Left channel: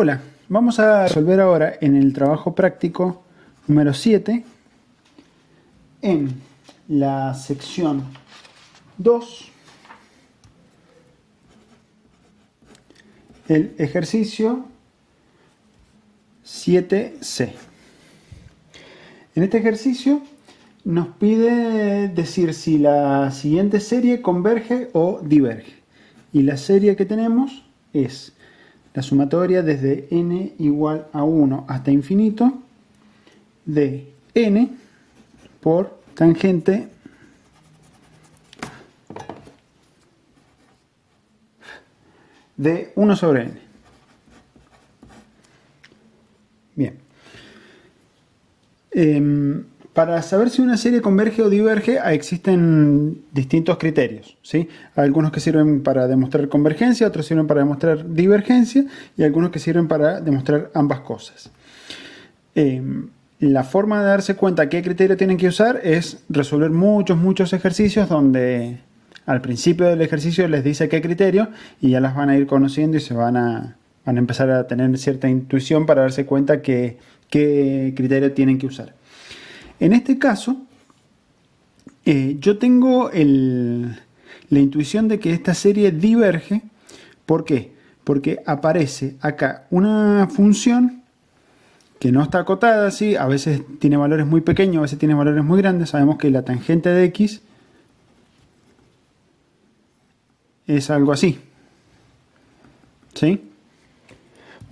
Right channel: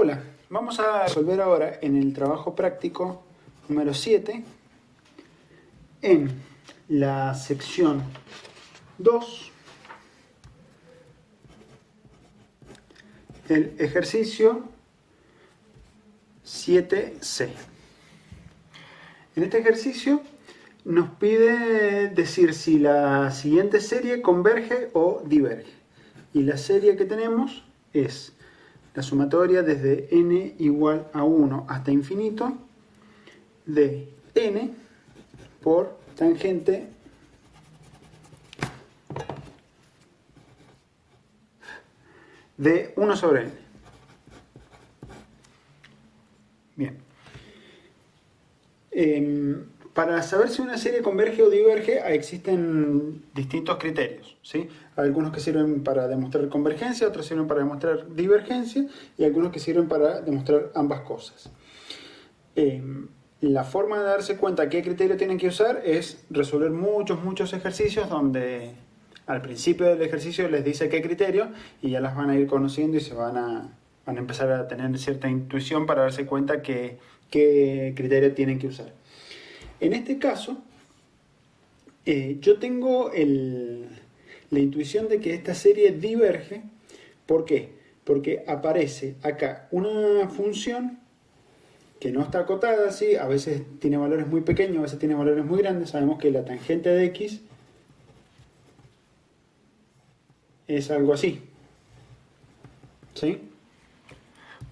Hola, vamos a resolver ahora en el trabajo práctico número 7 en la sección 2 el ejercicio 7C. En este ejercicio nos pide decir si la siguiente serie converge o diverge. Y la serie que tenemos es la sumatoria desde n igual a 1 hasta infinito de n por tangente de 1 sobre n. Bien. Para saber si una serie converge o diverge existen distintos criterios, ¿sí? Algunos que sirven para demostrar convergencia, otros sirven para demostrar divergencia y algunos que sirven para demostrar ambas cosas. La forma de darse cuenta qué criterio tienen que usar es resolver muchos ejercicios donde al principio del ejercicio les dice qué criterio y ya las van a ir conociendo y se van a empezar a tener cierta intuición para darse cuenta qué criterio tienen que usar. En este caso, yo tengo la intuición de que esta serie diverge. ¿Por qué? Porque aparece acá una función que no está acotada, ¿sí? A veces tiene valores muy pequeños, a veces tiene valores muy grandes. Sabemos que la tangente de x es algo así, ¿sí?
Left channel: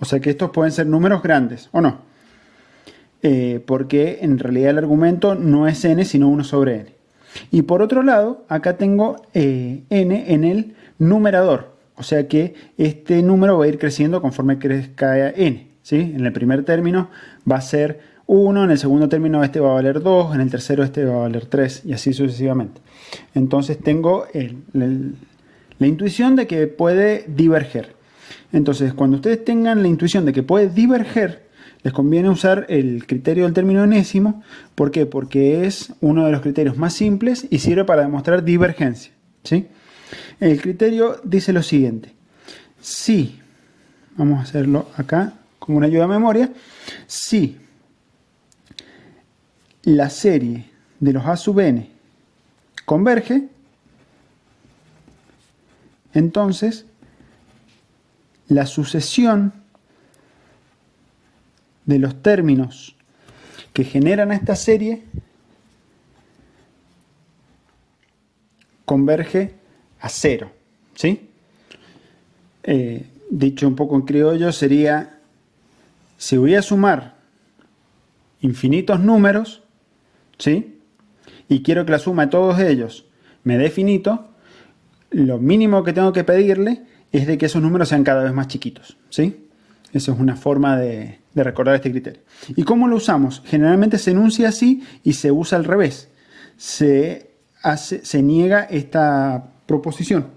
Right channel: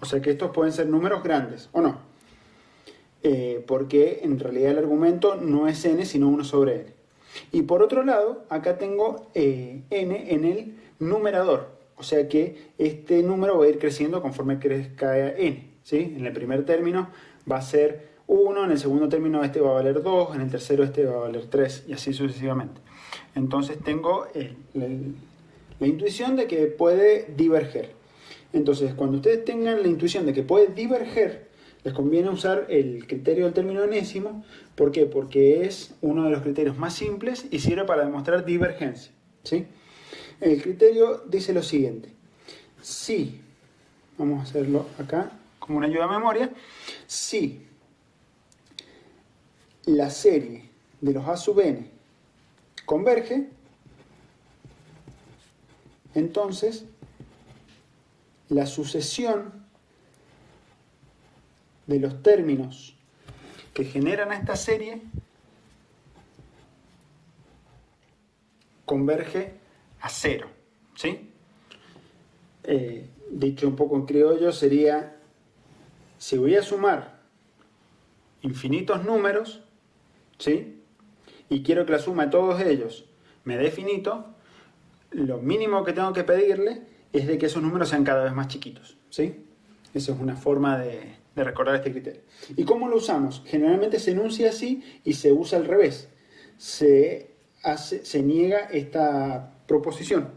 O sea que estos pueden ser números grandes, ¿o no? Porque en realidad el argumento no es n, sino 1 sobre n. Y por otro lado, acá tengo n en el numerador. O sea que este número va a ir creciendo conforme crezca n, ¿sí? En el primer término va a ser 1, en el segundo término este va a valer 2, en el tercero este va a valer 3 y así sucesivamente. Entonces tengo la intuición de que puede diverger. Entonces cuando ustedes tengan la intuición de que puede diverger, les conviene usar el criterio del término enésimo. ¿Por qué? Porque es uno de los criterios más simples y sirve para demostrar divergencia, ¿sí? El criterio dice lo siguiente. Si, vamos a hacerlo acá como una ayuda a memoria, si la serie de los a sub n converge, entonces la sucesión de los términos que generan a esta serie converge a 0, ¿sí? Dicho un poco en criollo sería, si voy a sumar infinitos números, ¿sí? Y quiero que la suma de todos ellos me dé finito, lo mínimo que tengo que pedirle es de que esos números sean cada vez más chiquitos, ¿sí? Esa es una forma de recordar este criterio. ¿Y cómo lo usamos? Generalmente se enuncia así y se usa al revés. Se niega esta proposición.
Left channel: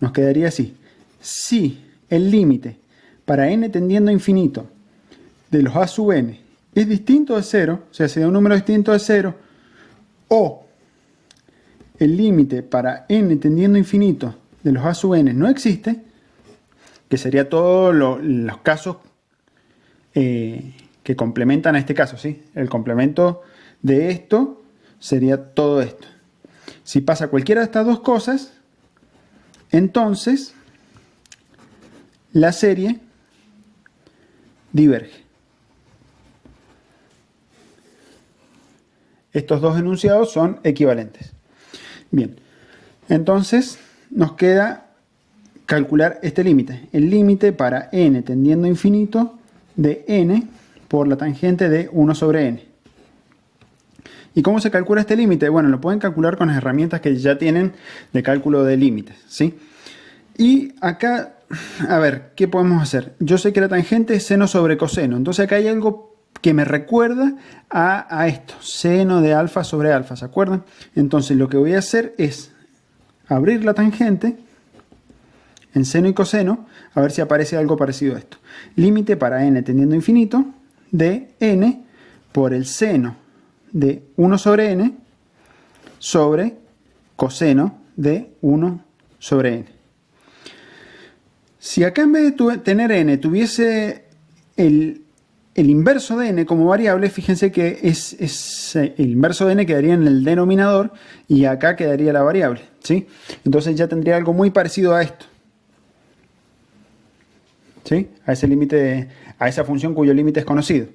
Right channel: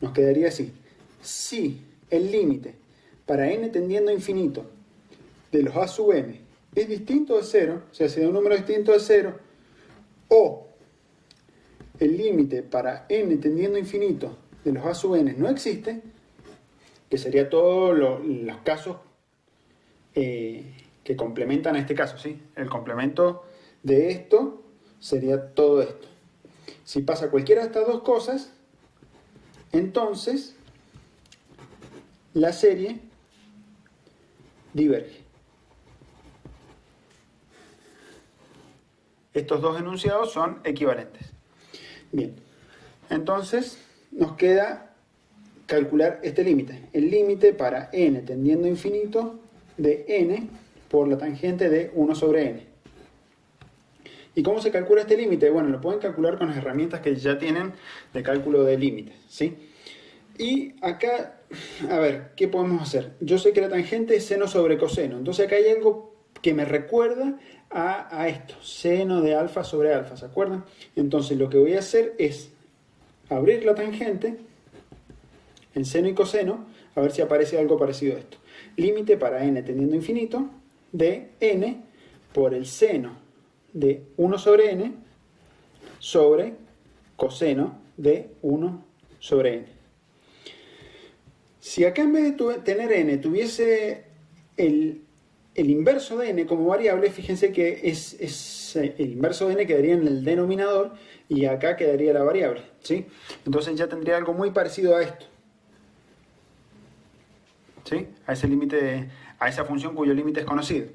Nos quedaría así. Si el límite para n tendiendo a infinito de los a sub n es distinto de 0, o sea, si da un número distinto de 0, o el límite para n tendiendo a infinito de los a sub n no existe, que sería todos los casos que complementan a este caso, ¿sí? El complemento de esto sería todo esto. Si pasa cualquiera de estas dos cosas, entonces la serie diverge. Estos dos enunciados son equivalentes. Bien, entonces nos queda calcular este límite. El límite para n tendiendo a infinito de n por la tangente de 1 sobre n. ¿Y cómo se calcula este límite? Bueno, lo pueden calcular con las herramientas que ya tienen de cálculo de límites, ¿sí? Y acá, a ver, ¿qué podemos hacer? Yo sé que la tangente es seno sobre coseno. Entonces acá hay algo que me recuerda a esto. Seno de alfa sobre alfa, ¿se acuerdan? Entonces lo que voy a hacer es abrir la tangente en seno y coseno, a ver si aparece algo parecido a esto. Límite para n tendiendo a infinito de n por el seno de 1 sobre n sobre coseno de 1 sobre n. Si acá en vez de tener n tuviese el inverso de n como variable, fíjense que el inverso de n quedaría en el denominador y acá quedaría la variable, ¿sí? Entonces ya tendría algo muy parecido a esto, ¿sí? A ese límite, a esa función cuyo límite es conocido.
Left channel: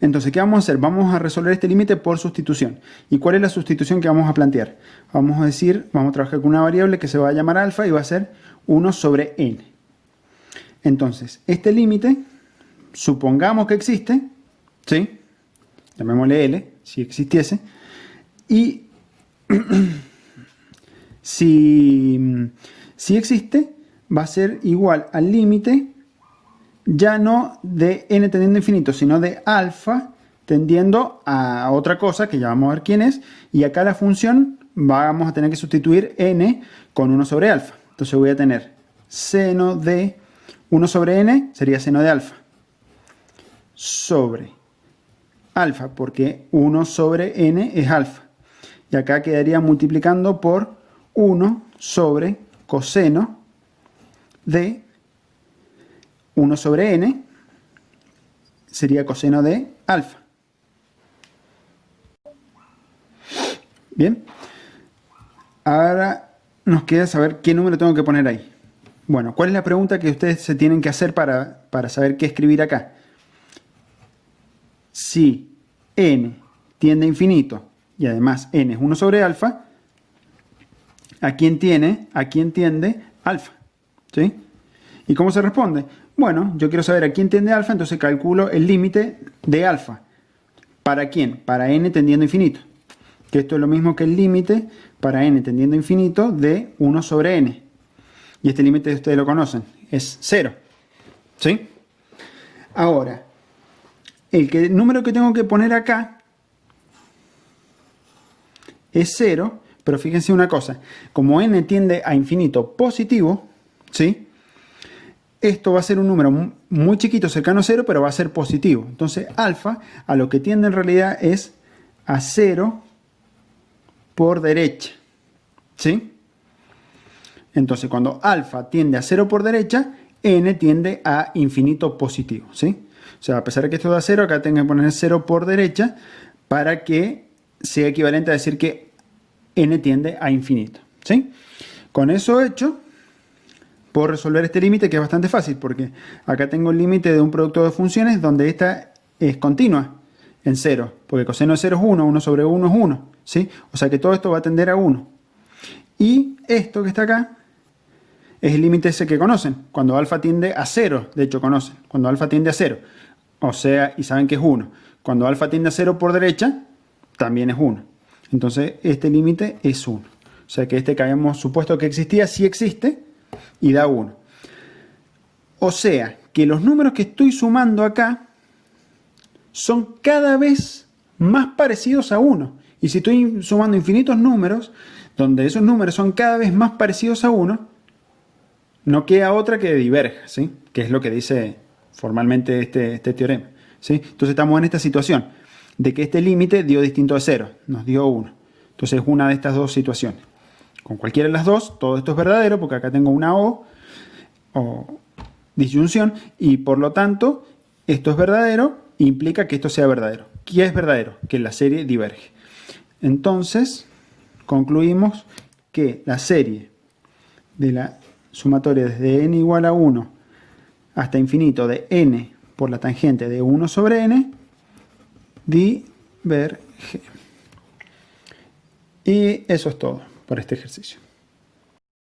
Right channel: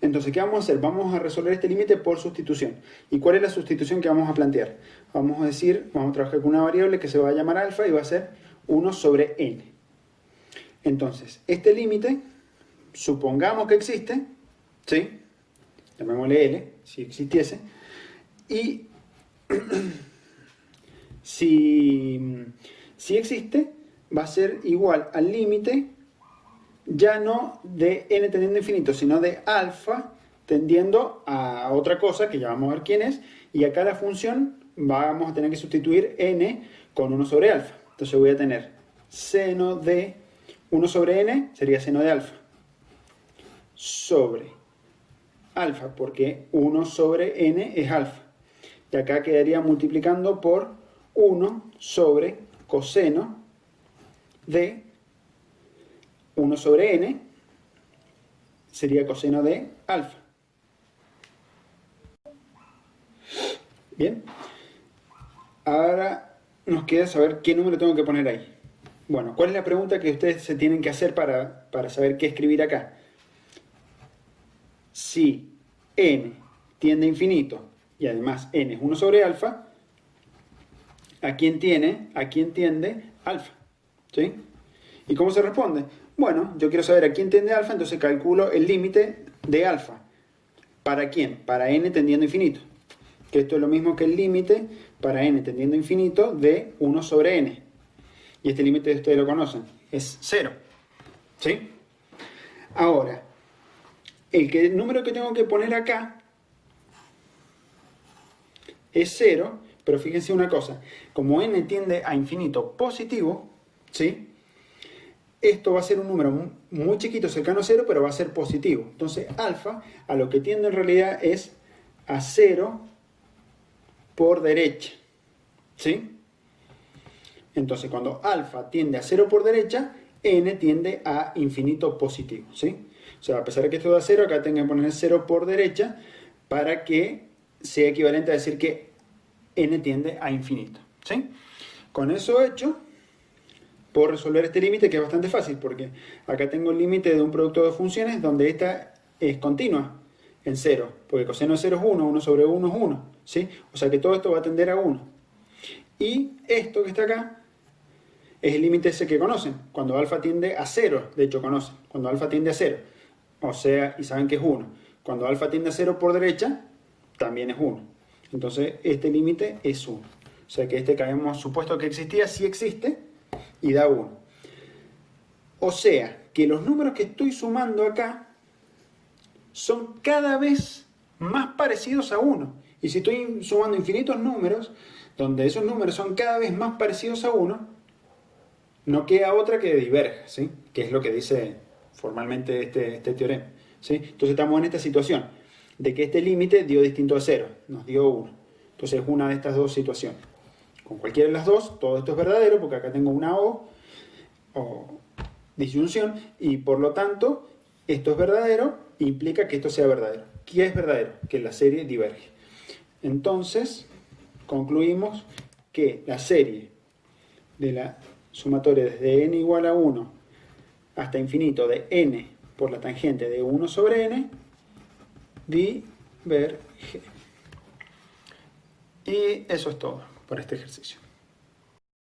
Entonces, ¿qué vamos a hacer? Vamos a resolver este límite por sustitución. ¿Y cuál es la sustitución que vamos a plantear? Vamos a trabajar con una variable que se va a llamar alfa y va a ser 1 sobre n. Entonces, este límite, supongamos que existe, ¿sí? Llamémosle L, si existiese, y si existe, va a ser igual al límite, ya no de n tendiendo a infinito, sino de alfa tendiendo a otra cosa, que ya vamos a ver quién es, y acá la función vamos a tener que sustituir n con 1 sobre alfa. Entonces voy a tener seno de 1 sobre n, sería seno de alfa, sobre alfa, porque 1 sobre n es alfa. Y acá quedaría multiplicando por 1 sobre coseno de 1 sobre n, sería coseno de alfa. Bien. Ahora nos queda saber qué número tengo que poner ahí. Bueno, ¿cuál es la pregunta que ustedes se tienen que hacer para saber qué escribir acá? Si n tiende a infinito y además n es 1 sobre alfa, ¿a quién tiende alfa? ¿Sí? ¿Y cómo se responde? Bueno, yo quiero saber a quién tiende alfa, entonces calculo el límite de alfa. ¿Para quién? Para n tendiendo a infinito. Que esto es lo mismo que el límite para n tendiendo a infinito de 1 sobre n. Y este límite ustedes lo conocen, es 0. ¿Sí? Ahora, el número que tengo que poner acá es 0, pero fíjense una cosa, como n tiende a infinito positivo, ¿sí? Esto va a ser un número muy chiquito, cercano a 0, pero va a ser positivo. Entonces, alfa a lo que tiende en realidad es a 0 por derecha, ¿sí? Entonces, cuando alfa tiende a 0 por derecha, n tiende a infinito positivo, ¿sí? O sea, a pesar de que esto da 0, acá tengo que poner 0 por derecha para que sea equivalente a decir que n tiende a infinito, ¿sí? Con eso hecho, puedo resolver este límite, que es bastante fácil, porque acá tengo el límite de un producto de funciones donde esta es continua en 0, porque coseno de 0 es 1, 1 sobre 1 es 1, ¿sí? O sea que todo esto va a tender a 1. Y esto que está acá es el límite ese que conocen, cuando alfa tiende a 0, de hecho conocen, cuando alfa tiende a 0, o sea, y saben que es 1. Cuando alfa tiende a 0 por derecha, también es 1. Entonces este límite es 1. O sea que este que habíamos supuesto que existía, sí existe, y da 1. O sea que los números que estoy sumando acá son cada vez más parecidos a 1. Y si estoy sumando infinitos números, donde esos números son cada vez más parecidos a 1, no queda otra que diverja, ¿sí? Que es lo que dice formalmente este teorema, ¿sí? Entonces estamos en esta situación de que este límite dio distinto de 0, nos dio 1. Entonces es una de estas dos situaciones. Con cualquiera de las dos, todo esto es verdadero, porque acá tengo una o disyunción, y por lo tanto, esto es verdadero, implica que esto sea verdadero. ¿Qué es verdadero? Que la serie diverge. Entonces, concluimos que la serie de la sumatoria desde n igual a 1 hasta infinito de n por la tangente de 1 sobre n diverge. Y eso es todo por este ejercicio.